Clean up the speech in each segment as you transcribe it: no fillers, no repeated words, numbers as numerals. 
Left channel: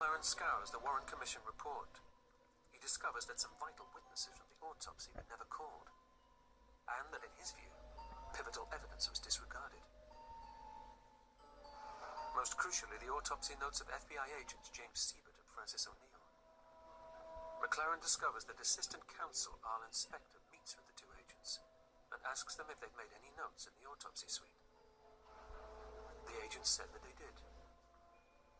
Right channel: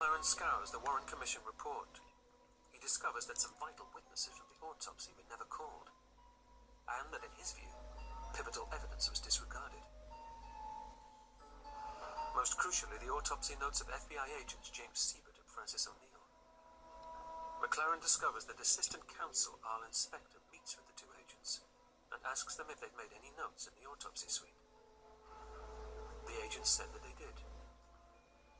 McLaren scours the Warren Commission report. He discovers that some vital witnesses from the autopsy were never called, and that in his view, pivotal evidence was disregarded. Most crucially, the autopsy notes of FBI agents James Siebert and Francis O'Neill. McLaren discovers that Assistant Counsel Arlen Spector meets with the two agents and asks them if they'd made any notes in the autopsy suite. The agents said that they did.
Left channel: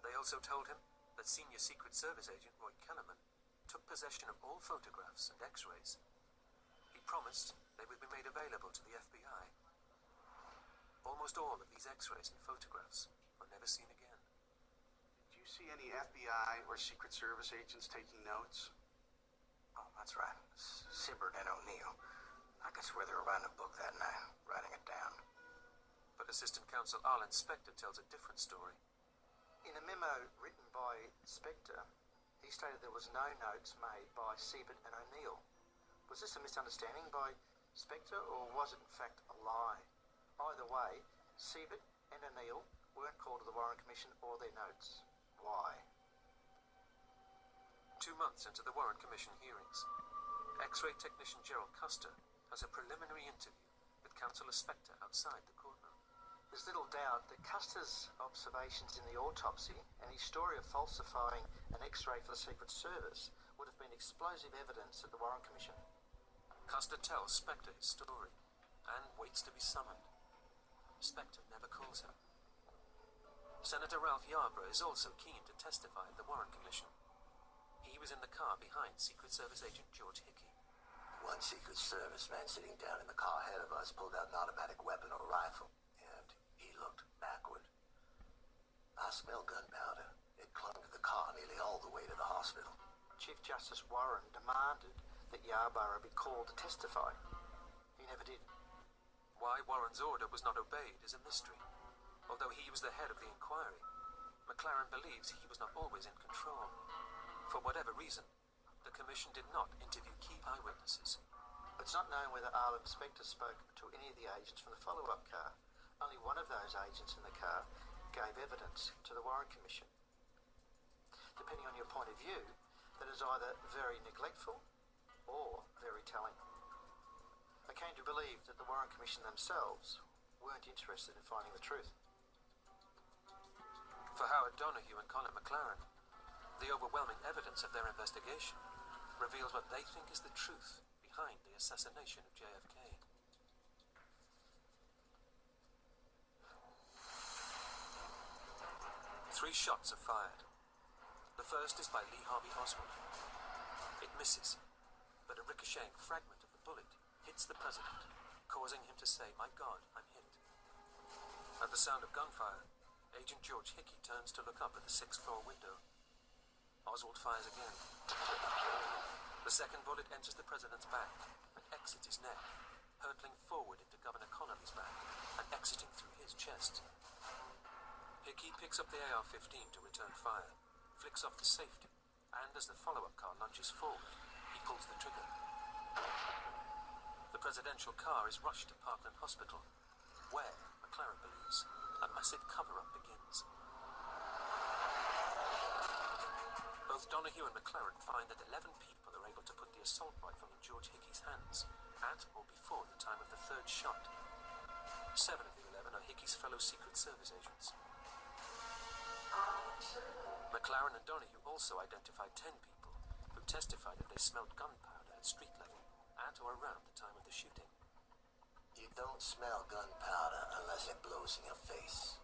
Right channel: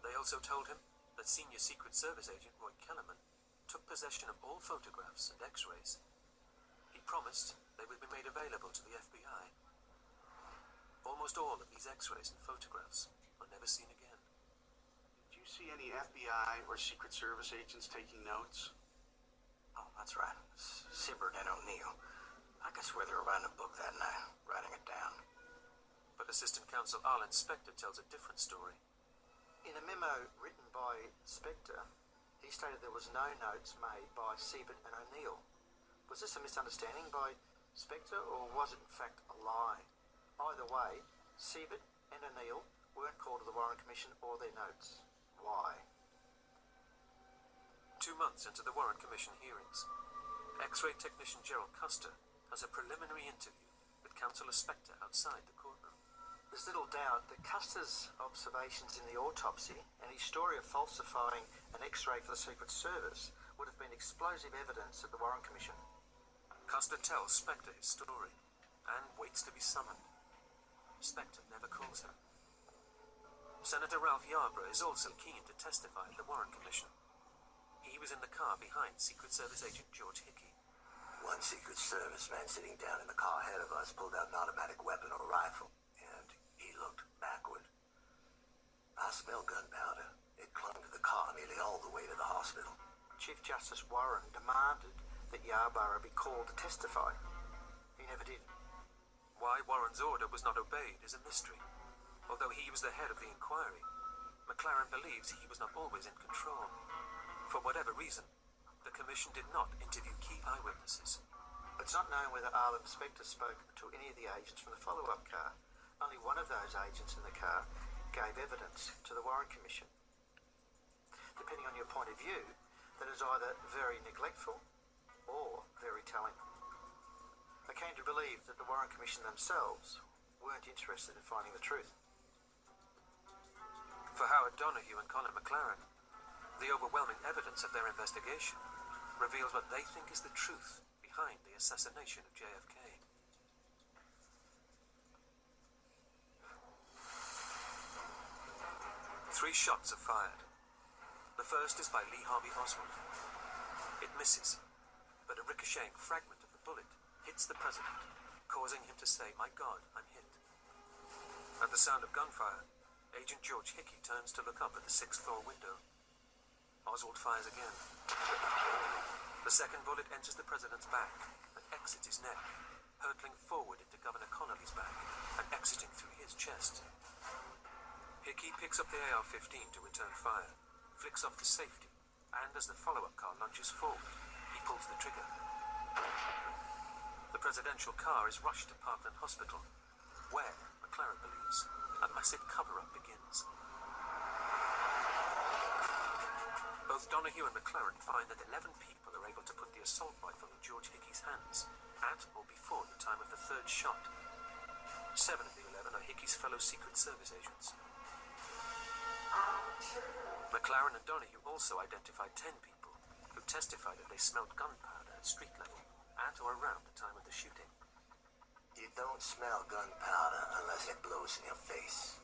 They also told him that Senior Secret Service agent Roy Kellerman took possession of all photographs and x-rays. He promised they would be made available to the FBI. Almost all of these x-rays and photographs were never seen again. Did you see any FBI or Secret Service agents taking notes? Oh, that's right. Siebert and O'Neill. I could swear they were writing a book that night, writing it down. But Assistant Counsel Arlen Spector tells a different story. In a memo written by Spector, he stated there was no notes made by Siebert and O'Neill. Was this a misunderstanding by Spector, or was it in fact a lie? Either way, Siebert and O'Neill weren't called to the Warren Commission or their notes. Why? 2 months into the Warren Commission hearings, X-ray technician Gerald Custer has a preliminary interview with Counsellor Spector outside the courtroom. There's little doubt that Custer's observations in the autopsy and his story of falsifying an X-ray for the Secret Service would have been explosive evidence at the Warren Commission. Custer tells Spector his story and waits to be summoned. Spector never calls him. Senator Ralph Yarborough is also keen to testify at the Warren Commission. He was in the car behind Secret Service agent George Hickey. One Secret Service man sitting down in the car ahead of us pulled out an automatic weapon or rifle, and he looked backward. I smelled gunpowder. It clung to the car nearly all the way to the hospital. Chief Justice Warren demanded that Yarborough be called to testify. He never did. Why Warren's order was not obeyed is a mystery. Although he was the head of the inquiry, McLaren believes he was not always in control. For whatever reason, the Commission did not interview key eyewitnesses. It's not known whether Arlen Spector spoke to any of the agents from the follow-up car. Only one of those agents in the car gave evidence to the Warren Commission. Depending on your point of view, that is either very neglectful or very telling. I came to believe that the Warren Commission themselves weren't interested in finding the truth. For Howard Donahue and Colin McLaren, the overwhelming evidence of their investigation reveals what they think is the truth behind the assassination of JFK. Three shots are fired. The first is by Lee Harvey Oswald. It misses, but a ricocheting fragment of the bullet hits the president, causing him to say, "My God, I'm hit." At the sound of gunfire, Agent George Hickey turns to look up at the 6th-floor window. Oswald fires again. The second bullet enters the president's back and exits his neck, hurtling forward into Governor Connolly's back and exiting through his chest. Hickey picks up the AR-15 to return fire, flicks off the safety, and as the follow-up car lunges forward, he pulls the trigger. The presidential car is rushed to Parkland Hospital, where, McLaren believes, a massive cover-up begins. Both Donahue and McLaren find that 11 people are able to put the assault rifle in George Hickey's hands at or before the time of the third shot. 7 of the 11 are Hickey's fellow Secret Service agents. McLaren and Donahue also identified 10 people who testified that they smelled gunpowder at street level at or around the time of the shooting. You don't smell gunpowder unless it blows in your face.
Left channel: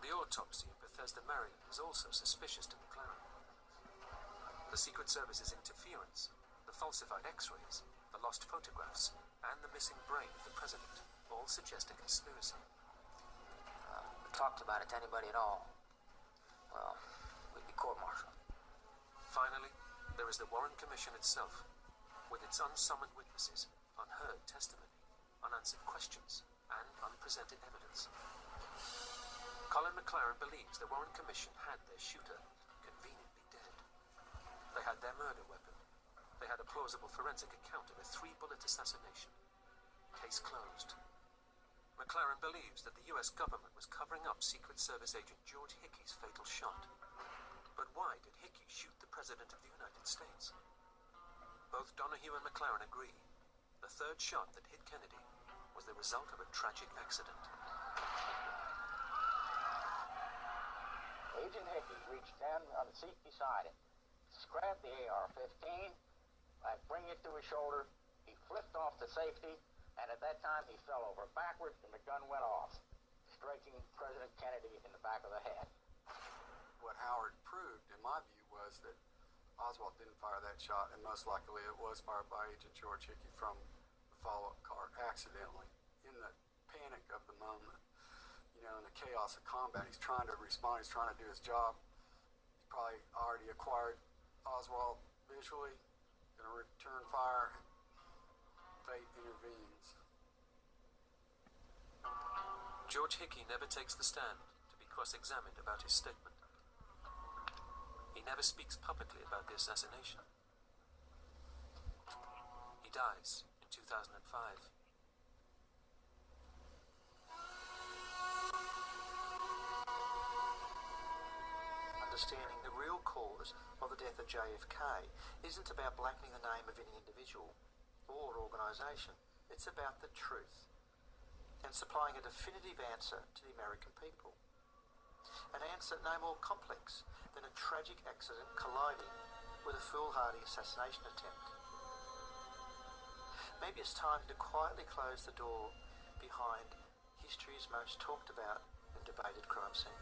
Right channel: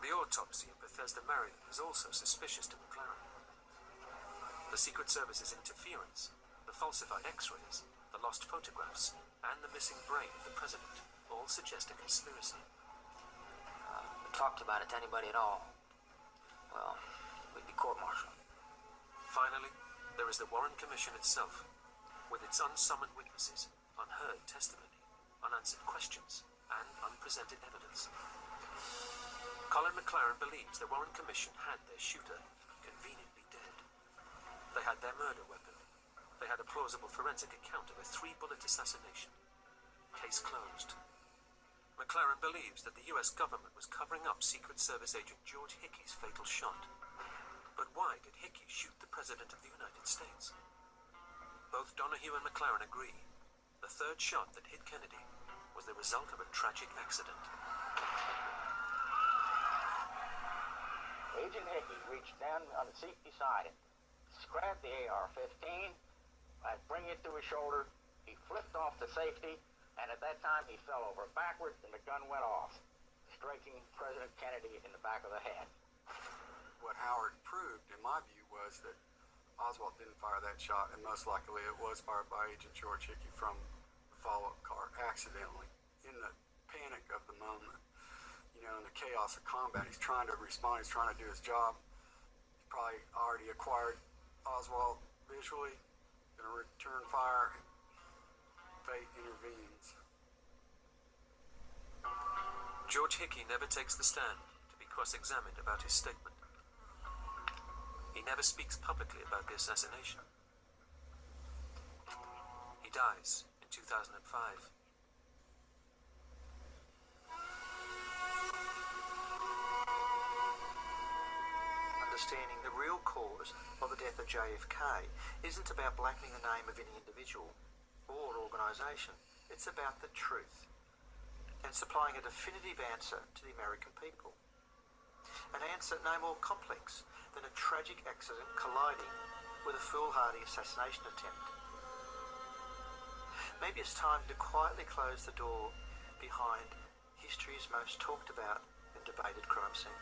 The autopsy in Bethesda, Maryland is also suspicious to McLaren. The Secret Service's interference, the falsified x-rays, the lost photographs, and the missing brain of the president all suggest a conspiracy. We talked about it to anybody at all, well, we'd be court-martialed. Finally, there is the Warren Commission itself, with its unsummoned witnesses, unheard testimony, unanswered questions, and unpresented evidence. Colin McLaren believes the Warren Commission had their shooter conveniently dead. They had their murder weapon. They had a plausible forensic account of a 3-bullet assassination. Case closed. McLaren believes that the US government was covering up Secret Service agent George Hickey's fatal shot. But why did Hickey shoot the President of the United States? Both Donahue and McLaren agree. The third shot that hit Kennedy was the result of a tragic accident. Agent Hickey reached down on the seat beside him, grabbed the AR-15, bring it to his shoulder. He flipped off the safety, and at that time he fell over backwards and the gun went off, striking President Kennedy in the back of the head. What Howard proved, in my view, was that Oswald didn't fire that shot, and most likely it was fired by Agent George Hickey from the follow-up car accidentally. In the panic of the moment, in the chaos of combat, he's trying to respond, he's trying to do his job. He's probably already acquired Oswald visually, gonna return fire. Fate intervenes. George Hickey never takes the stand to be cross-examined about his statement. He never speaks publicly about the assassination. He dies in 2005. Understanding the real cause of the death of JFK isn't about blackening the name of any individual or organisation. It's about the truth and supplying a definitive answer to the American people. An answer no more complex than a tragic accident colliding with a foolhardy assassination attempt. Maybe it's time to quietly close the door behind history's most talked about and debated crime scene.